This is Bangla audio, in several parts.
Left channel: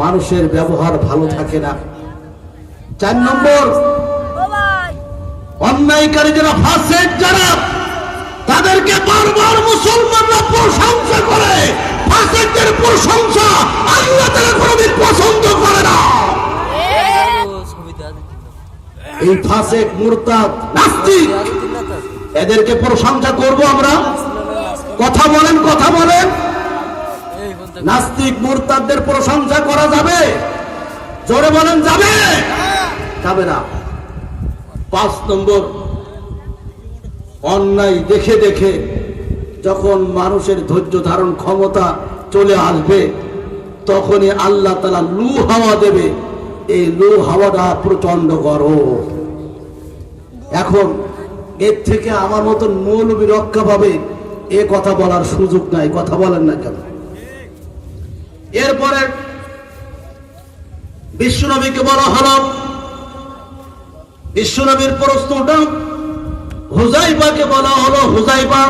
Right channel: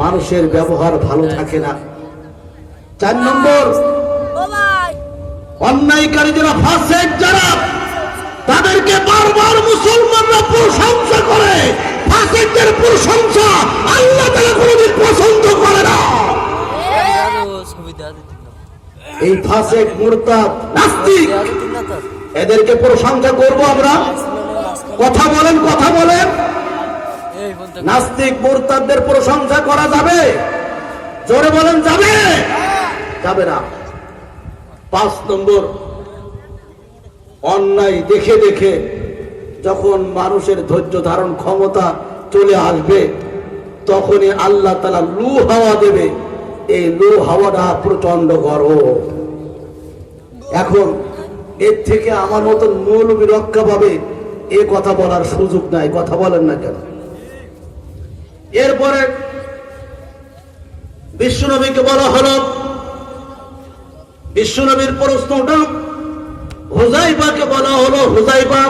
মানুষের ব্যবহার ভালো থাকে না। চার নম্বর, অন্যায়কারী যারা ফাঁসের যারা, তাদেরকে বারবার মুসলমানরা প্রশংসা করে। ফাঁসেকদের প্রশংসা আল্লাহ তারা কোনোদিন পছন্দ করে না। এই ফাঁসেক মুরতাদ, নাস্তিক, এদেরকে প্রশংসা করব আমরা। কথা বলেন কথা বলেন। নাস্তিক প্রশংসা করা যাবে। জোরে বলেন, যাবে? যাবে না। পাঁচ নম্বর, অন্যায় দেখে দেখে যখন মানুষের ধৈর্য ধারণ ক্ষমতা চলে আসবে, তখনই আল্লাহ তালা লু হাওয়া দেবে। এই লু হাওয়াটা প্রচণ্ড গরম। এখন এর থেকে আমার মতন মৌলবী রক্ষা পাবে, এ কথা বলার সুযোগ নাই, কথা বলেন না কেন? এরপরে বিশ্বনবীকে বলা হলো, বিশ্বনবীর প্রশ্নটা হুজাইবাকে বলা হলো হুজাইবা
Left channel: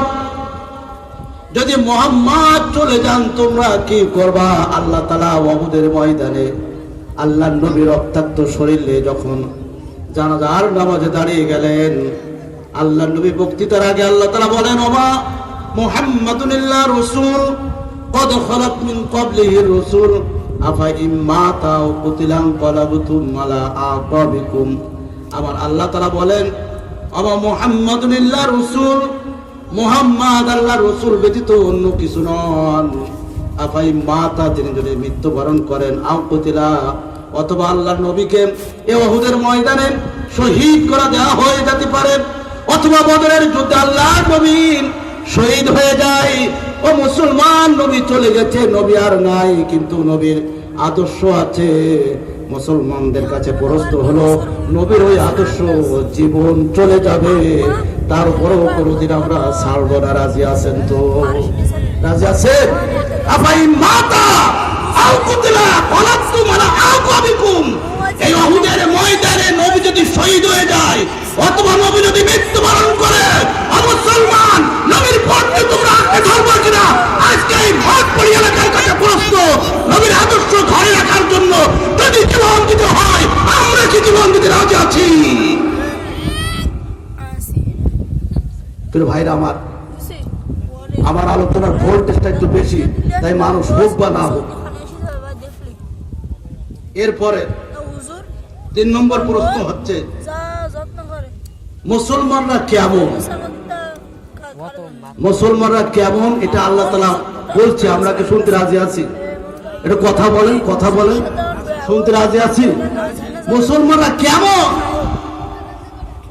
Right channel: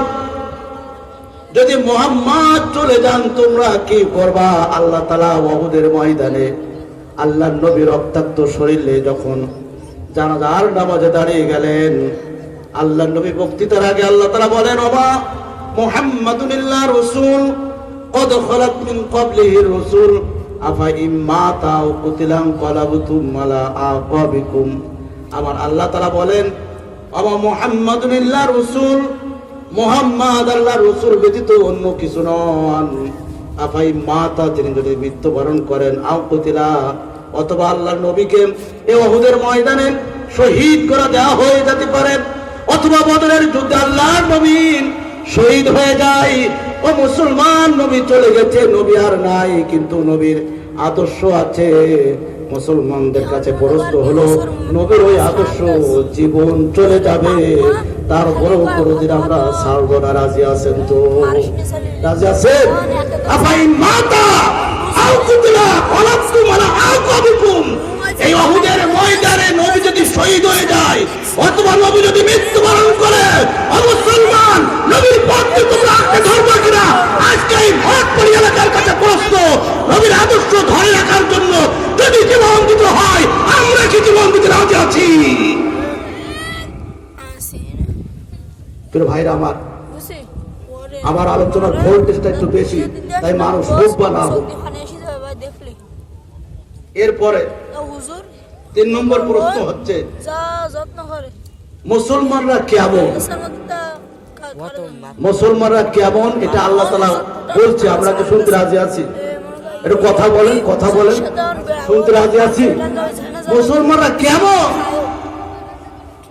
যদি মোহাম্মদ চলে যান, তোমরা কি করবা? আল্লাহ তালা মহুদের ময়দানে আল্লাহ নবীর রক্তাক্ত শরীরে যখন জানাজার নামাজে দাঁড়িয়ে গেলেন আল্লাহ নবী বক্তৃতার আগে আল্লাহ তালা বলেন অমা মোহাম্মদুল্লাহ রসুল। قد خلت من قبله الرسل أفإن مات أو قتل انقلبتم على أعقابكم আমার আল্লাহ তাআলা বলেন আমার মুহাম্মাদুল্লাহ রসুল মুহাম্মদ আল্লাহ রসুল ব্যতীত অন্য কিছু নন আফাই মাতা যিনি যদি মৃত্যুবরণ করেন আও কতিলা অথবা আল্লাহর নবীকে এ অহুদের ময়দানে শহীদ করা দেওয়া হয়ে যেতে পারে অথবা বদরের যুদ্ধে আল্লাহর নবীন শহীদ হয়ে যায় ও মুসলমান, নবী চলে গেছে, নবী আর নাই, কিন্তু নবীর আদর্শ আছে। মুসলমানদের কাছে প্রশ্ন হলো, নবীর ওই আদর্শ, জীবন চলে যাবে। তারপরেও আমরা না, রাজি আছেন তো? রাজি আছেন? আপাই মাতা এই ময়দানে নবী যদি শহীদ হয়ে যায়, অথবা নবী যদি মৃত্যুবরণ করে ও মুসলমান নবীর পথে তোমরা আঁকড়ে ধরবে কিনা আজকে এই ভোটপুরি এলাকার কাছে প্রশ্ন নবীর আদর্শ ধরে রাখার জন্য যদি জীবন দিতে হয় আমরা কি জীবন দিতে রাজি আছি প্রিয় ভাইরা আমার আবার আলোচনার ভোল্টেজটা একটু বেশি, তাই মানুষ হোক বা না হোক এরপরে তিন নম্বর প্রশ্ন হচ্ছে, মুসলমানরা কেমন? মুসলমানরা কেমন? এটা আল্লাহ তালা বলছে আপনাকে শুনতে রাজি আছি? এটা কথা বলেন কথা বলেন। শুনতে রাজি আছি? মুসলমানরা কেমন?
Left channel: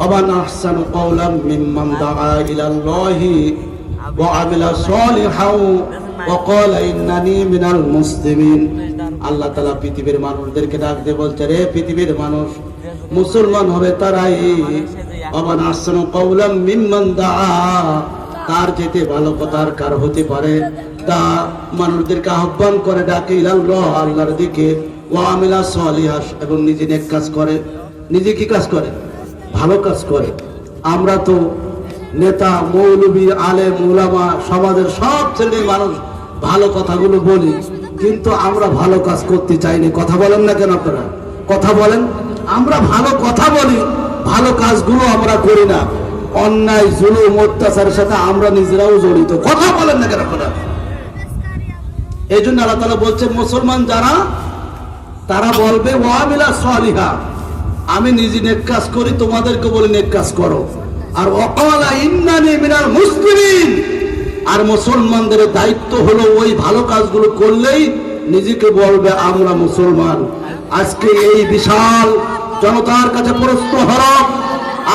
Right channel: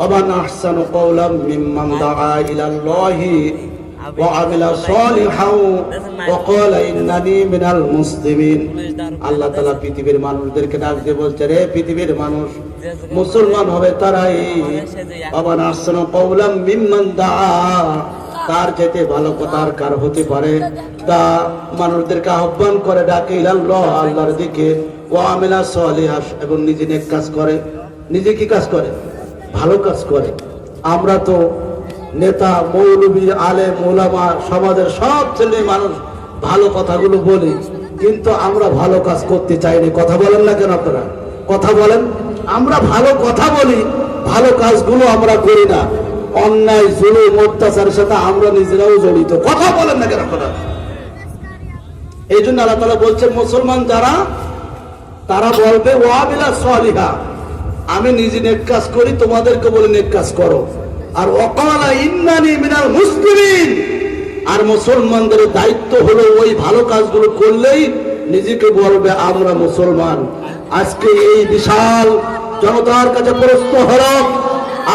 অবান আহসান কওলাম মিম্মান দাআ ইলাল্লাহি وعمل صالحا وقال إنني من المسلمين আল্লাহ তালা পৃথিবীর মানুষদেরকে ডাক দিয়ে বলছে রে পৃথিবীর মানুষ মুসলমান হবে তারাই অমান আসন কৌলাম মিম্মান দা তার যেতে ভালো কথা আর কার হতে পারে তা মানুষদেরকে আহ্বান করে ডাকে ইলাল্লাহ আল্লাহর দিকে ও আমেলা সলিহাস এবং নিজে নেক কাজ করে নিজে কি কাজ করে ভালো কাজ করে আমরা তো নেতা, মৌলবী আলে মোলামা সমাজের সব শ্রেণির মানুষ ভালো কথাগুলো বলি। কিন্তু আমরা ভালো কাজ করতে চাইনি। কথা বলেন না কেন আপনারা? কথা বলেন। আমরা ভালো কথা বলি, ভালো কাজগুলো আমরা করি না। অন্যায়, জুলুম, অত্যাচারের সাথে আমরা নিজেরাও জড়িত। কথা বলেন না কেন আপনারা? এই জন্য আল্লাহ তালা বলছে, মুসলমান যারা, তারা বলবে ওয়াবিলা সালিহা। আমি নিজে নেক কাজ করি, তোমাদেরকে বলে নেক কাজ করো। আর অকলা ইন্নানি মিনাল মুসলিমিন। আর মুসলমানদের দায়িত্ব হলো ওই ভালো কাজগুলো করলেই নিজেকে বলবে, আমরা মুসলমান। আজকে এই বিশাল জনতার কাছে প্রশ্ন হল,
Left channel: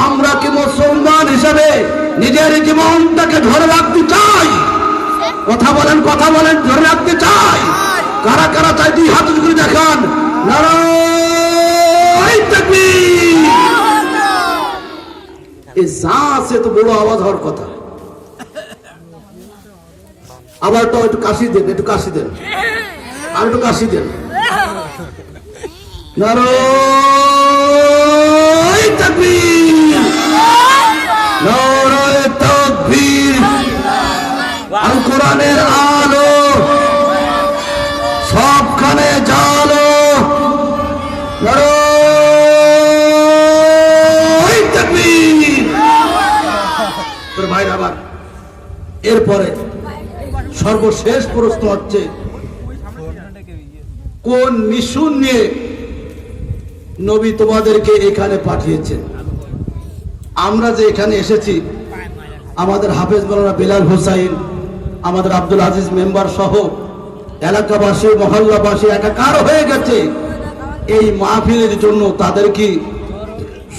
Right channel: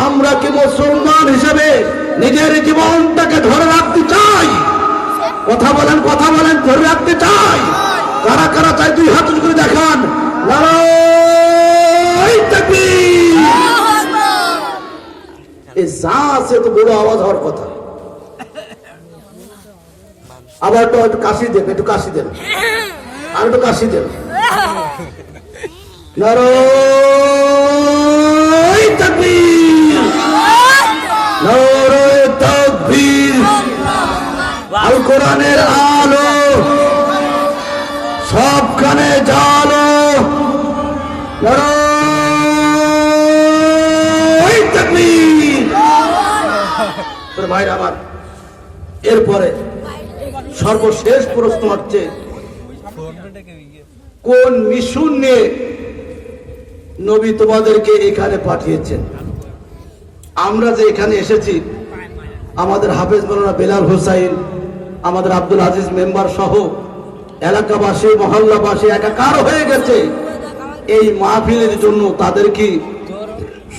আমরা কি মুসলমান হিসেবে নিজের জীবনটাকে ধরে রাখতে চাই? কথা বলেন, কথা যা আছে তো বড় আওয়াজ হওয়ার কথা আবার একটু একটু কাশি দেন একটু কাশি দেন আর একটু কাশি দেন নারায় তাকবীর। নারায় তাকবীর। আল কোরআনের সর্বশেষ প্রশ্ন হচ্ছে, কোন মিশন নিয়ে নবী তোমাদেরকে এখানে পাঠিয়েছেন? আমরা যে এখানে এসেছি, আমাদের হাফেজ মৌলানা বেলাল হোসাইন, আমাদের আব্দুল আজিজ মেম্বার সহ এলাকাবাসী, মহল্লাবাসী একাকার হয়ে গেছে। এই মাহফিলের জন্য তাদের কি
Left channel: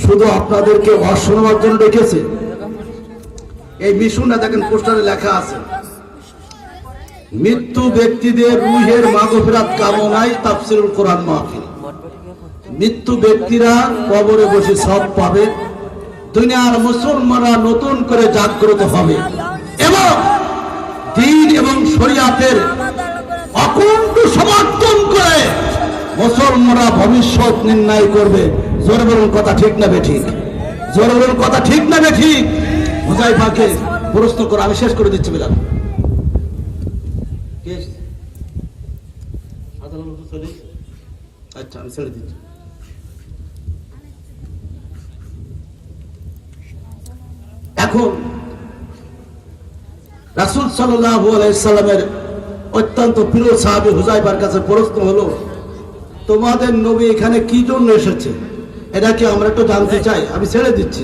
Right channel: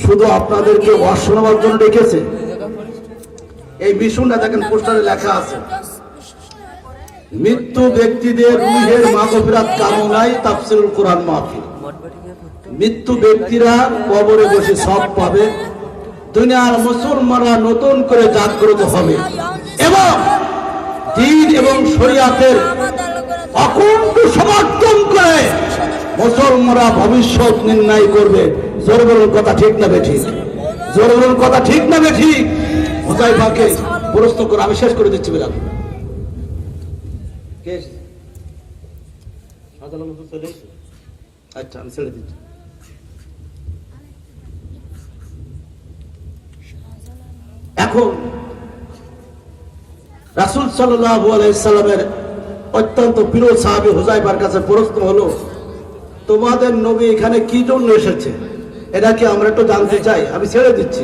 শুধু আপনাদেরকে শোনাবার জন্য ডেকেছে? এই মিশনটা দেখেন পোস্টারে লেখা আছে, মৃত্যু ব্যক্তিদের রুহের মাগফিরাত কামনায় তাফসিরুল কোরআন মাহফিল। মৃত্যু ব্যক্তিরা কবরে বসে সব পাবে, দুনিয়ার মুসলমানরা নতুন করে জাগ্রত হবে। এবং দিন এবং শরিয়াতের অকুণ্ঠ সমর্থন করে মুসলমানরা ভবিষ্যৎ নির্ণয় করবে। জোর কথা ঠিক না বে ঠিক? জোর কথা ঠিক না বে ঠিক? হুজাইফাকে করে, আমি শেষ করে দিচ্ছি এসেছে। আচ্ছা আমি ছেড়ে দিচ্ছি। এখন রাসুল সাল্লামের অত্যন্ত প্রিয় সাহাবি হুজাইবার কাছে প্রশ্ন হলো, তোমাদের নবী এখানে কি জন্য এসেছে? এটা কি আমরা একটু জানতে চাই? আমি ছেড়ে দিচ্ছি।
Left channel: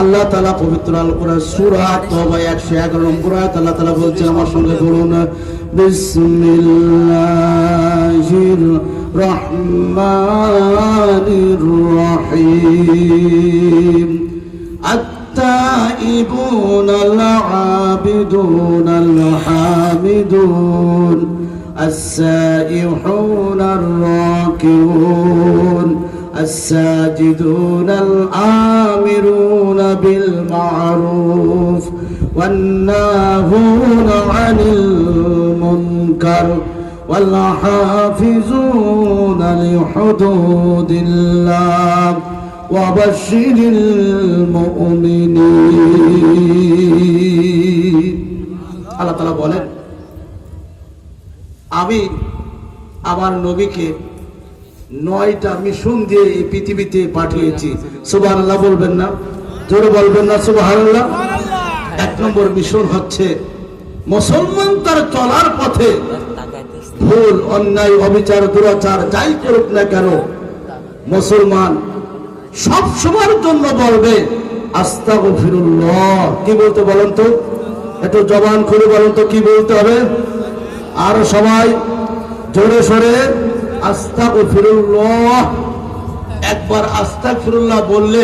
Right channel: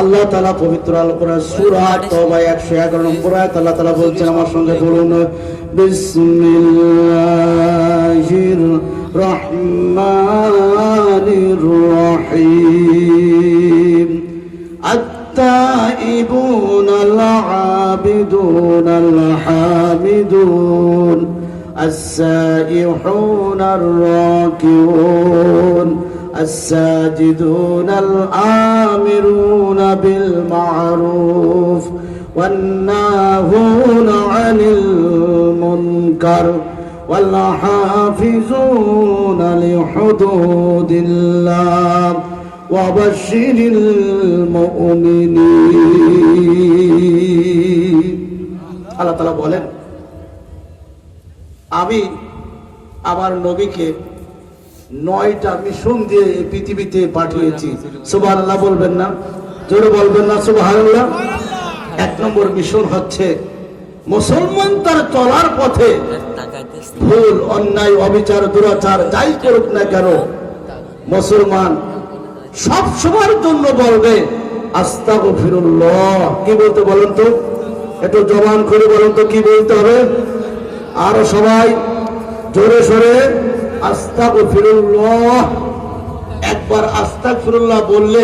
আল্লাহ তালা পবিত্র আল কোরআন সূরা তওবা 111 নম্বর আয়াত আল্লাহ তাআলা বলছেন আমার সঙ্গে বলুন বিসমিল্লাহির রহমানির রহিম التائبون العابدون الحامدون السائحون الراكعون الساجدون الآمرون بالمعروف والناهون عن المنكر والحافظون لحدود الله وبشر المؤمنين আল্লাহ তালা বলেন আমি আমার নবীকে নয়টা মিশন দিয়ে এই পৃথিবীতে পাঠিয়েছি সুবাহ আল্লাহ বলবেন না জোরে বলবেন না সুবাহ আল্লাহ এক নম্বর মিশন হচ্ছে মুসলমান তার চলার পথে ভুল, অন্যায়, অবিচার, দুরাচার, যাই করুক না কেন, মুসলমান সব সময়ের জন্য বলবে কি বলতে বলেন তো? একটু জবান খুলে বলেন তো, কি বলতে হবে? আর সবাই জোরে একবার আস্তাগফিরুল্লাহ বললে,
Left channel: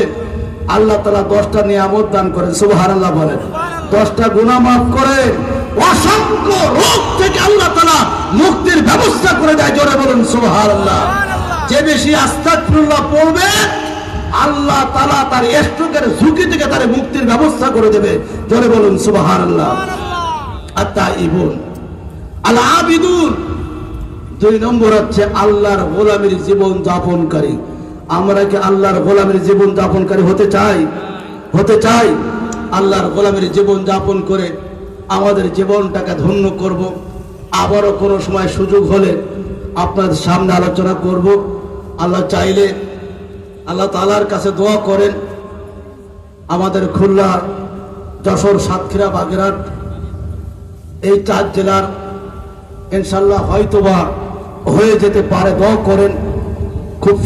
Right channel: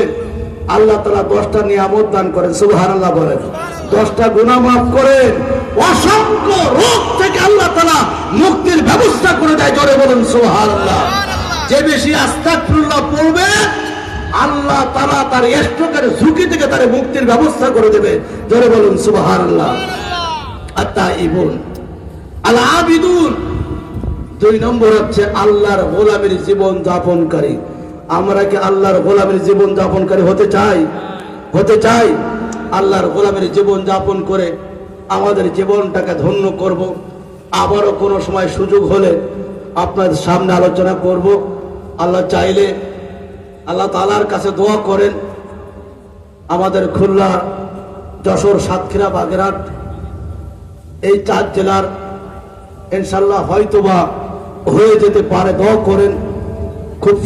আল্লাহ তালা দশটা নিয়ামত দান করেন, সুবহানাল্লাহ বলেন। দশটা গুনাহ মাফ করেন। অসংখ্য রোগ থেকে আল্লাহ তালা মুক্তির ব্যবস্থা করে দেয় জোরে বলুন সুবহানাল্লাহ। যে বেশি আস্তাগফিরুল্লাহ পড়বে আল্লাহ তালা তার স্ট্রোকের ঝুঁকি থেকে তার মুক্তির ব্যবস্থা করে দেবে। জোরে বলুন সুবহানাল্লাহ। আত্মা ইবুন আল আবিদুন দুই নম্বর হচ্ছে আল্লাহর গোলামের জীবন যাপনকারী। আমরা কি আল্লাহর গোলামের জীবন যাপনকারী হতে চাই? হতে চাই? আল্লাহর গোলামের জীবন যাপন করে আমাদের জীবনটাকে ধন্য করব। আবারও কোনো সময় সুযোগ হলে আপনাদের সামনে আলোচনা করব। আল্লাহ চাইলে আল্লাহ তালার কাছে দোয়া করেন। আমাদের খুলনা যশোর সাতক্ষীরা বাগেরহাট এই চার জেলার ইনশাল্লাহ হয়তোবা হয়ে যেতে পারে। দোয়া করেন। খুব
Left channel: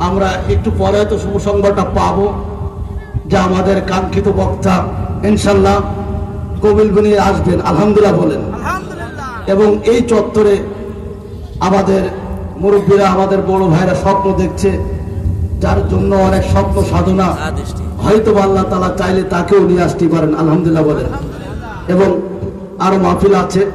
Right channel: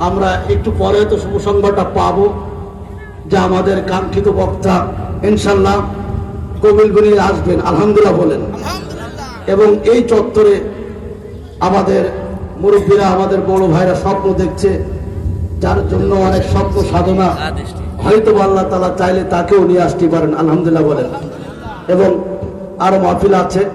আমরা একটু পরে তো শুভ সংবাদটা পাবো। যে আমাদের কাঙ্ক্ষিত বক্তা ইনশাল্লাহ কবিল গুনিয়ে আসবেন আলহামদুলিল্লাহ বলেন। এবং এই চত্বরে আমাদের মুরব্বীরা আমাদের বড় ভাইরা স্বপ্ন দেখছে যার জন্য অনেক স্বপ্ন সাধনা। হয়তো আল্লাহ তালা চাইলে তাকেও নিয়ে আসতে পারেন আলহামদুলিল্লাহ বলেন। এবং আরও মাহফিল আছে।